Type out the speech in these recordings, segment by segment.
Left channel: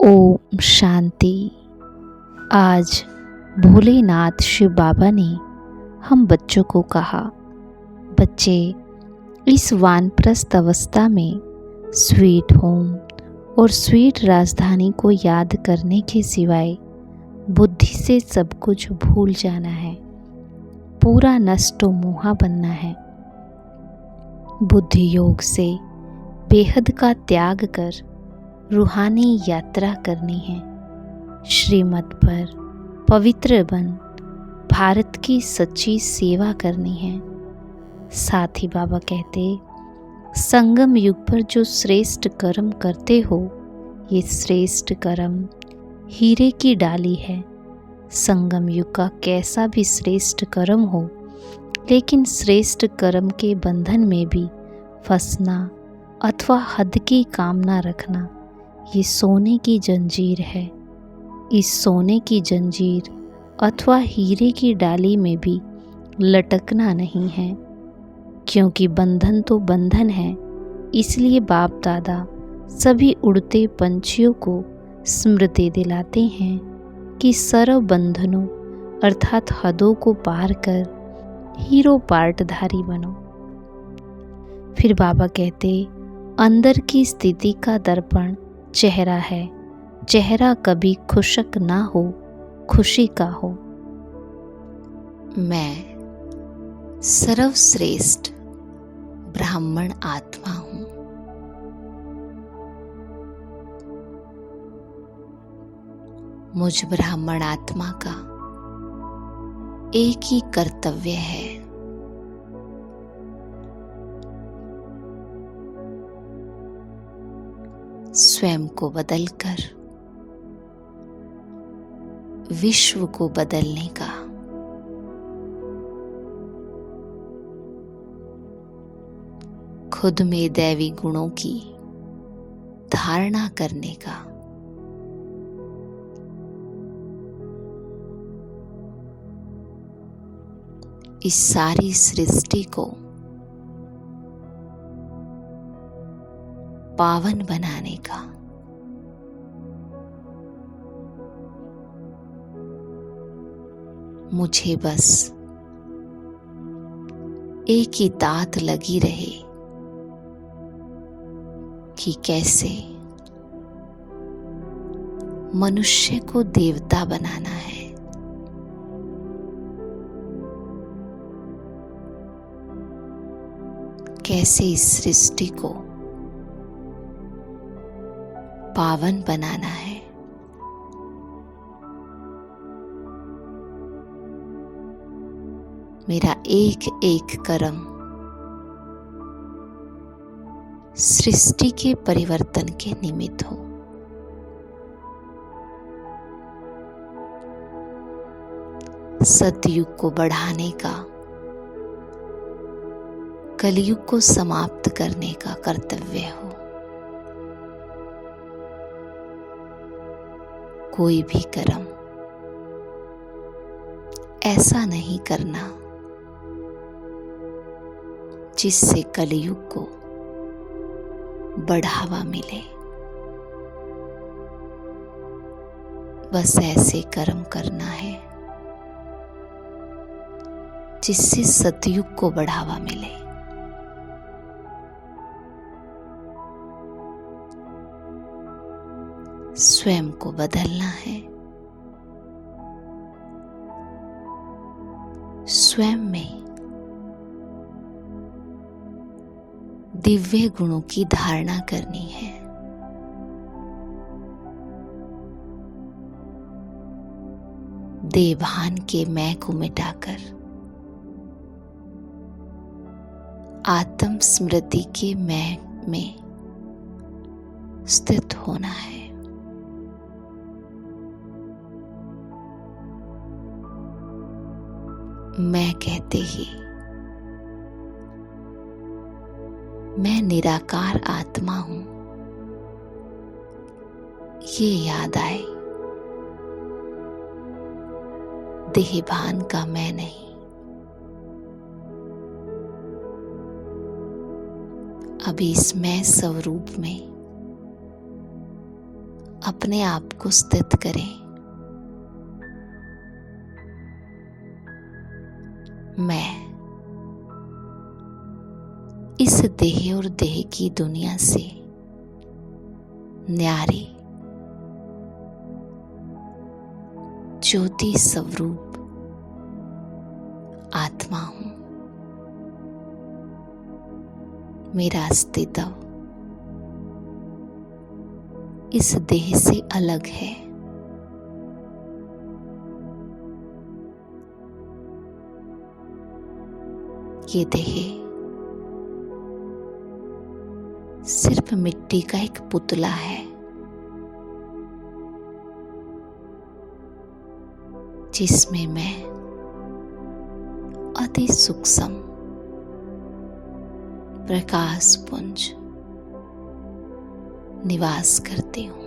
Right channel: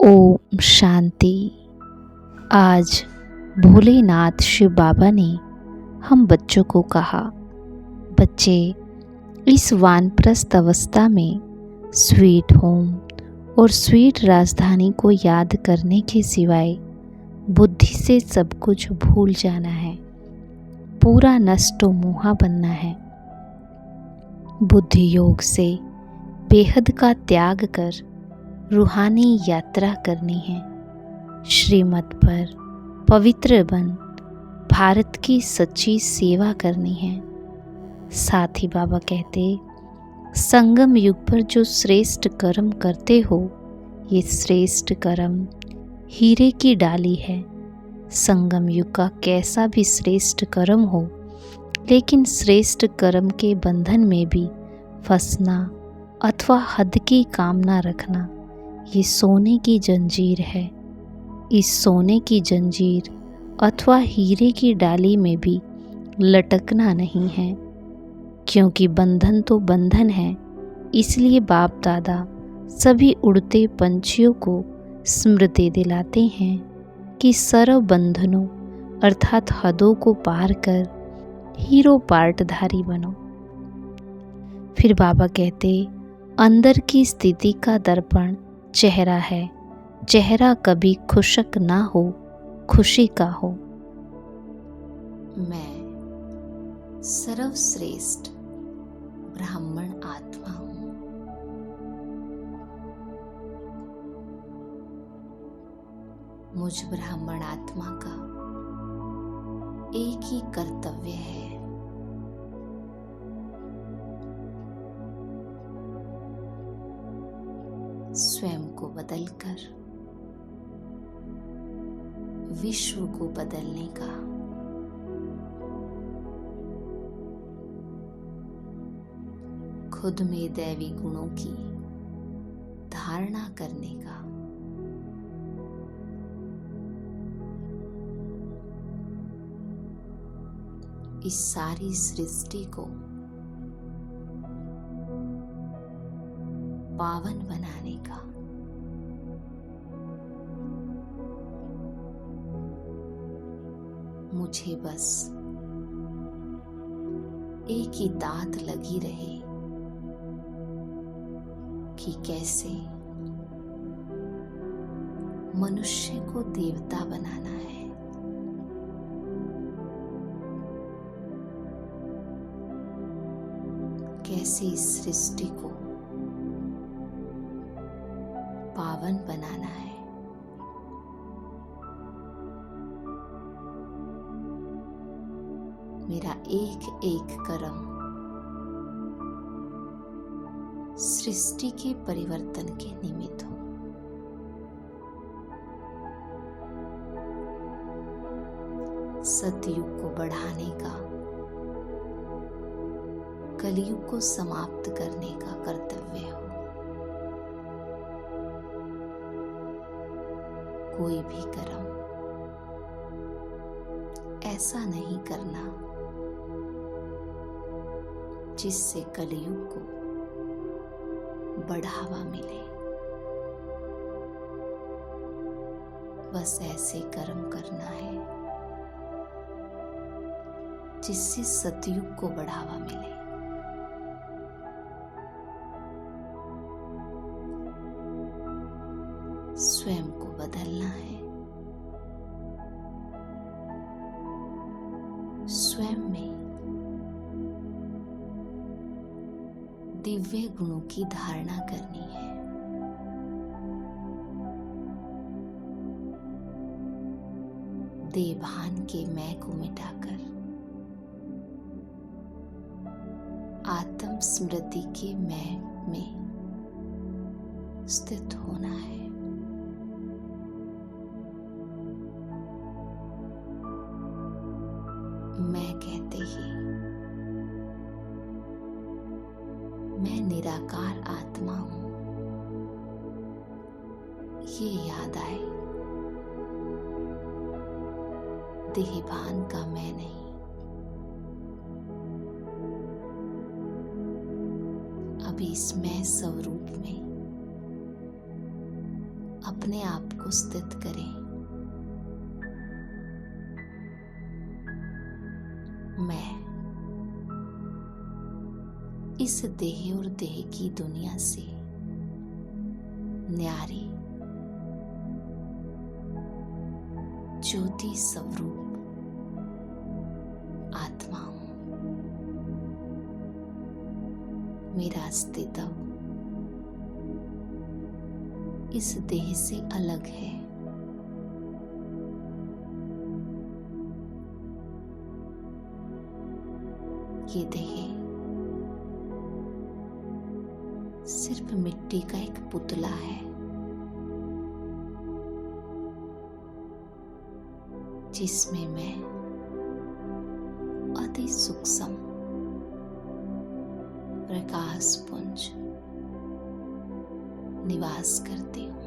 ओम शांति। आज भोलेनाथ शिव बाबा ने हम बच्चों को कहा, बच्चे इस वानप्रस्थ अवस्था में स्वीट होम और स्वीट राजधानी को याद करने के सिवाय बुद्धि से सब कुछ भूल जाना है, पूरा नष्टो मोहा बनना है। बुद्धि योग से बेहद का त्याग कर रूहानी यात्रा करनी है। श्रीमत पर पवित्र बन भारत की सच्ची सेवा करनी है। साथ ही बाबा कहते, संगम युग पर जो श्रेष्ठ कर्म करते हो, ये श्रेष्ठ कर्म हीरे की डाली है। संगम युग का कैसा भी श्रेष्ठ कर्म हो, लेकिन श्रेष्ठ कर्म के बंधन में भी फंसना अथवा हद की कामना रखना, ये सोने की जंजीर है। इस सोने की जंजीर अथवा हीरे की डाली में भी लटकना नहीं है, क्योंकि बंधन तो बंधन है। इसलिए बाप दादा सभी उड़ते पंछियों को स्मृति दिलाते हैं कि सर्व बंधनों अर्थात हदों को पार कर हीरो पार्टधारी बनो। फिर बाबा कहते, अंदर की स्थिति का दर्पण चेहरा है। चेहरा कभी खुशक ना हो, खुशी का हो। मैं सर्वश्रेष्ठ ब्राह्मण आत्मा हूँ। मुझ ब्राह्मण आत्मा का एक ही कर्तव्य है, स्वयं को बदलकर विश्व को बदलने का। खुद में दैवी गुणों की धारणा करने का। इस सारी सृष्टि को पावन बनाने का। मुझे बस एक ही तात लगी रहे कि कैसे मनुष्य को देवता बनाना है। कैसे इस सृष्टि को पावन बनाना है। मेरा एक एक कर्म सृष्टि के परिवर्तन के निमित्त हो। सतयुग को बढ़ाने का, कलयुग को समाप्त करने का कर्तव्य हो। कोई भी कर्म ऐसा नहीं करना जिससे कलयुग को बढ़ावा मिले। बस ऐसे कर्म करना है जिससे सतयुग को बढ़ावा मिले। स्वयं को बदलना है। स्वयं में दिव्य गुणों की धारणा करनी है। देवभान के मैं को मिटाकर आत्म स्मृति के मैं में स्थित होना है। मैं कहते ही मैं निराकार आत्मा हूं, ये याद आए। देहभान का मैं नहीं। अभी इस मैं स्वरूप में अपने आप को स्थित करें। मैं इस देह और देह की दुनिया से न्यारी ज्योति स्वरूप आत्मा हूं। मेरा अस्तित्व इस देह से अलग है। ये देह सिर्फ मिट्टी का एक पुतला है जिसमें मैं अति सूक्ष्म प्रकाश पुंज निवास करती हूँ।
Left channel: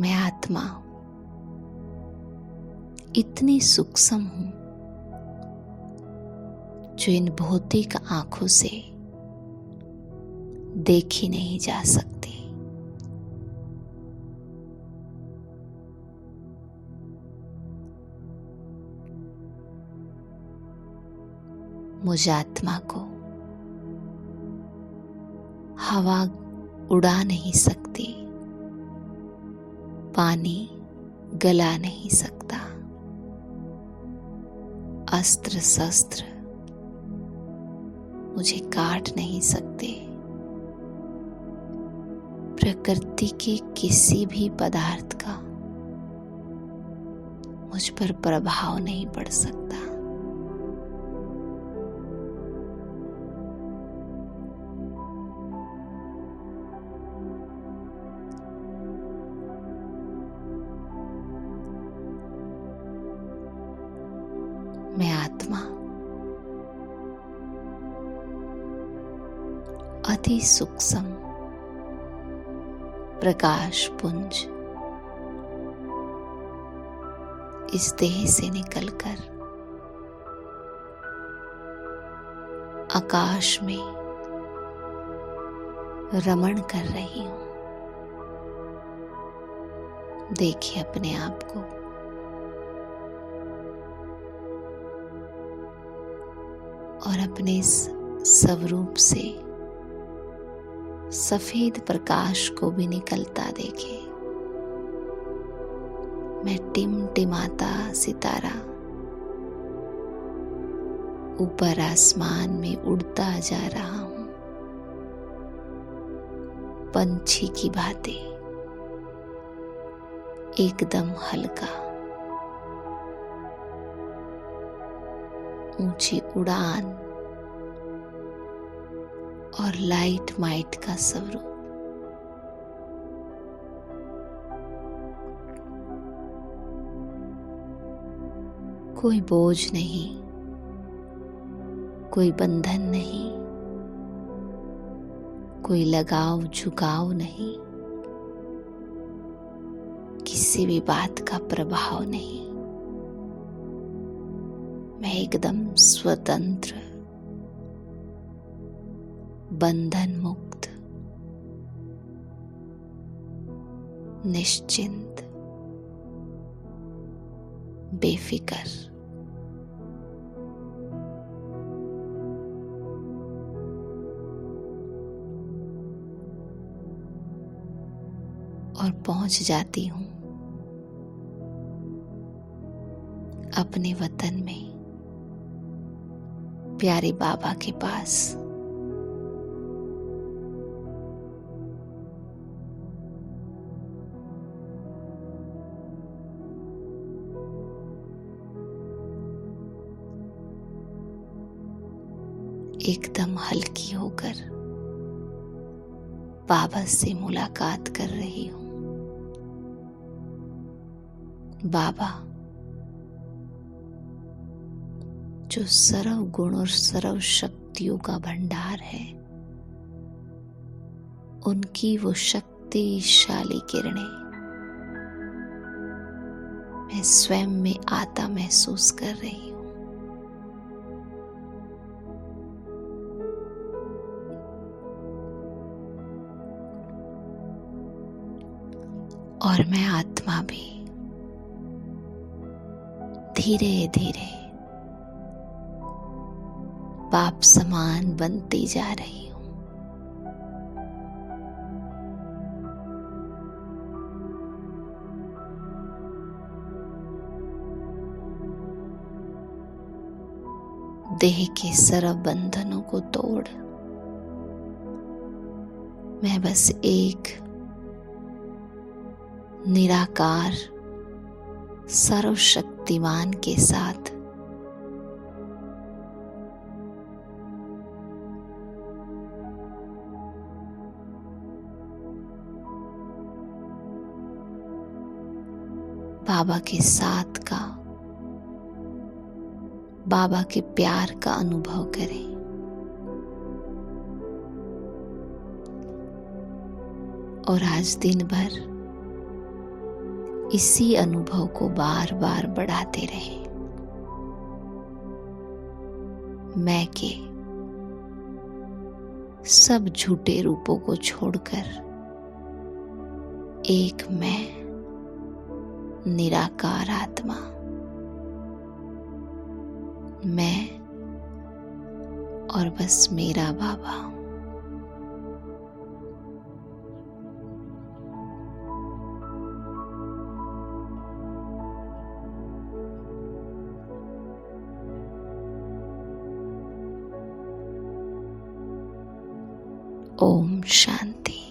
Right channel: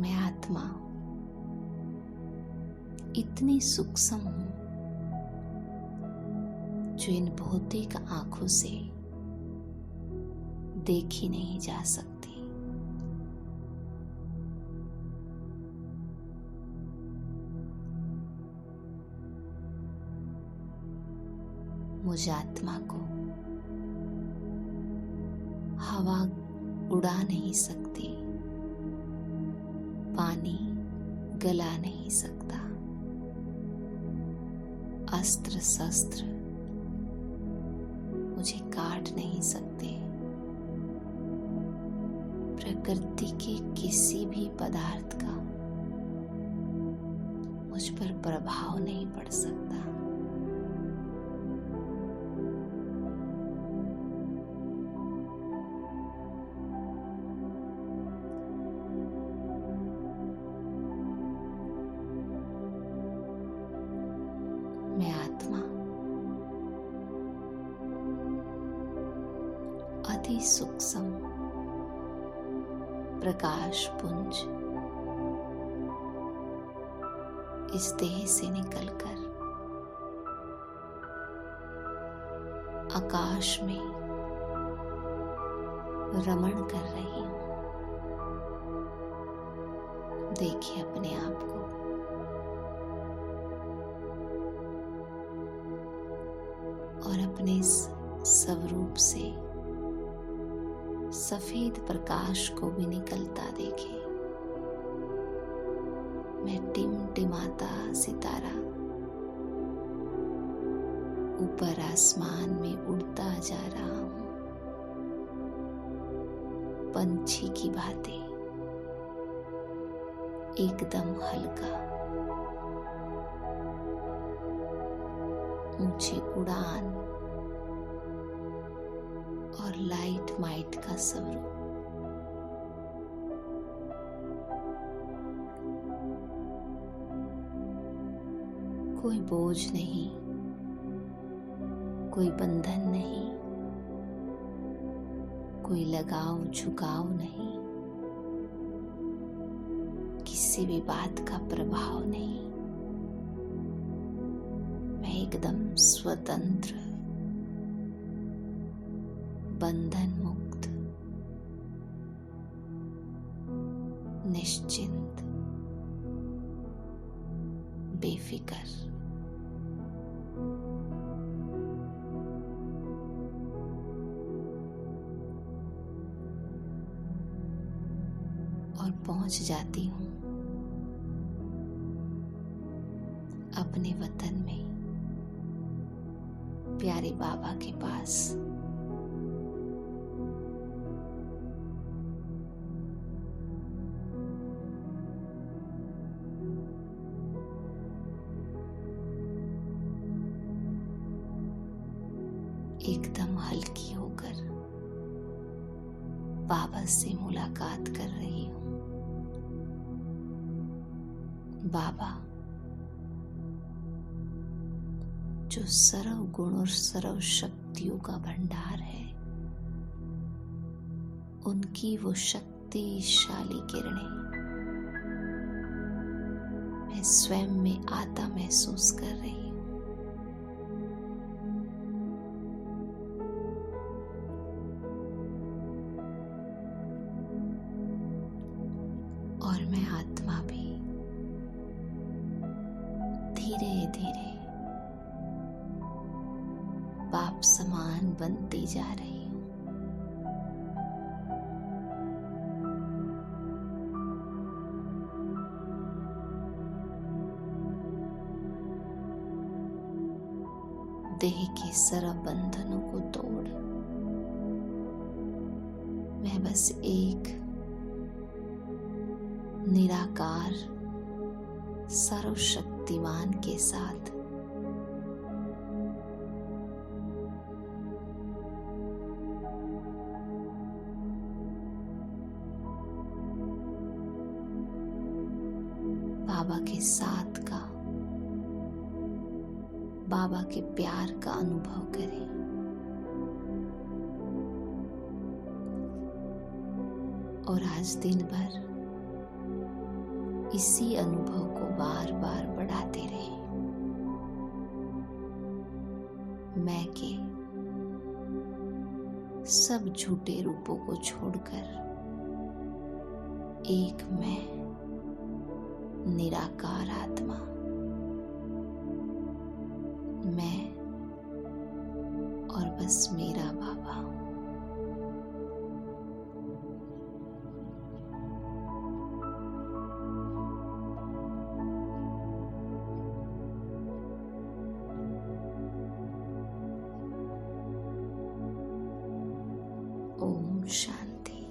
मैं आत्मा इतनी सूक्ष्म हूं जो इन भौतिक आंखों से देखी नहीं जा सकती। मुझ आत्मा को हवा उड़ा नहीं सकती, पानी गला नहीं सकता, अस्त्र शस्त्र मुझे काट नहीं सकते, प्रकृति के किसी भी पदार्थ का मुझ पर प्रभाव नहीं पड़ सकता। मैं आत्मा अति सूक्ष्म प्रकाश पुंज इस देह से निकलकर आकाश में रमण कर रही हूं। देखिए अपने आप को। और अपने इस स्वरूप से सफेद प्रकाश को भी निकलता देखे। मैं टिमटिमाता सितारा ऊपर आसमान में उड़ता जा रहा हूं, पंछी की भांति एकदम हल्का, ऊंची उड़ान और लाइट माइट का स्वरूप। कोई बोझ नहीं, कोई बंधन नहीं, कोई लगाव झुकाव नहीं, किसी भी बात का प्रभाव नहीं। मैं एकदम स्वतंत्र, बंधन मुक्त, निश्चिंत, बेफिकर। और पहुंच जाती हूं अपने वतन में, प्यारे बाबा के पास। एकदम हल्की होकर बाबा से मुलाकात कर रही हूं। बाबा जो सर्व गुण और सर्व शक्तियों का भंडार है, उनकी वो शक्तिशाली किरणें मैं स्वयं में आता महसूस कर रही हूँ। और मैं आत्मा भी धीरे धीरे बाप समान बनती जा रही हूँ। देह के सर्व बंधनों को तोड़ मैं बस एक निराकार सर्वशक्तिमान के साथ बाबा के साथ का, बाबा के प्यार का अनुभव करें। और आज दिन भर इसी अनुभव को बार बार बढ़ाते रहें। मैं के सब झूठे रूपों को छोड़कर एक मैं निराकार आत्मा, मैं और बस मेरा बाबा। ओम शांति।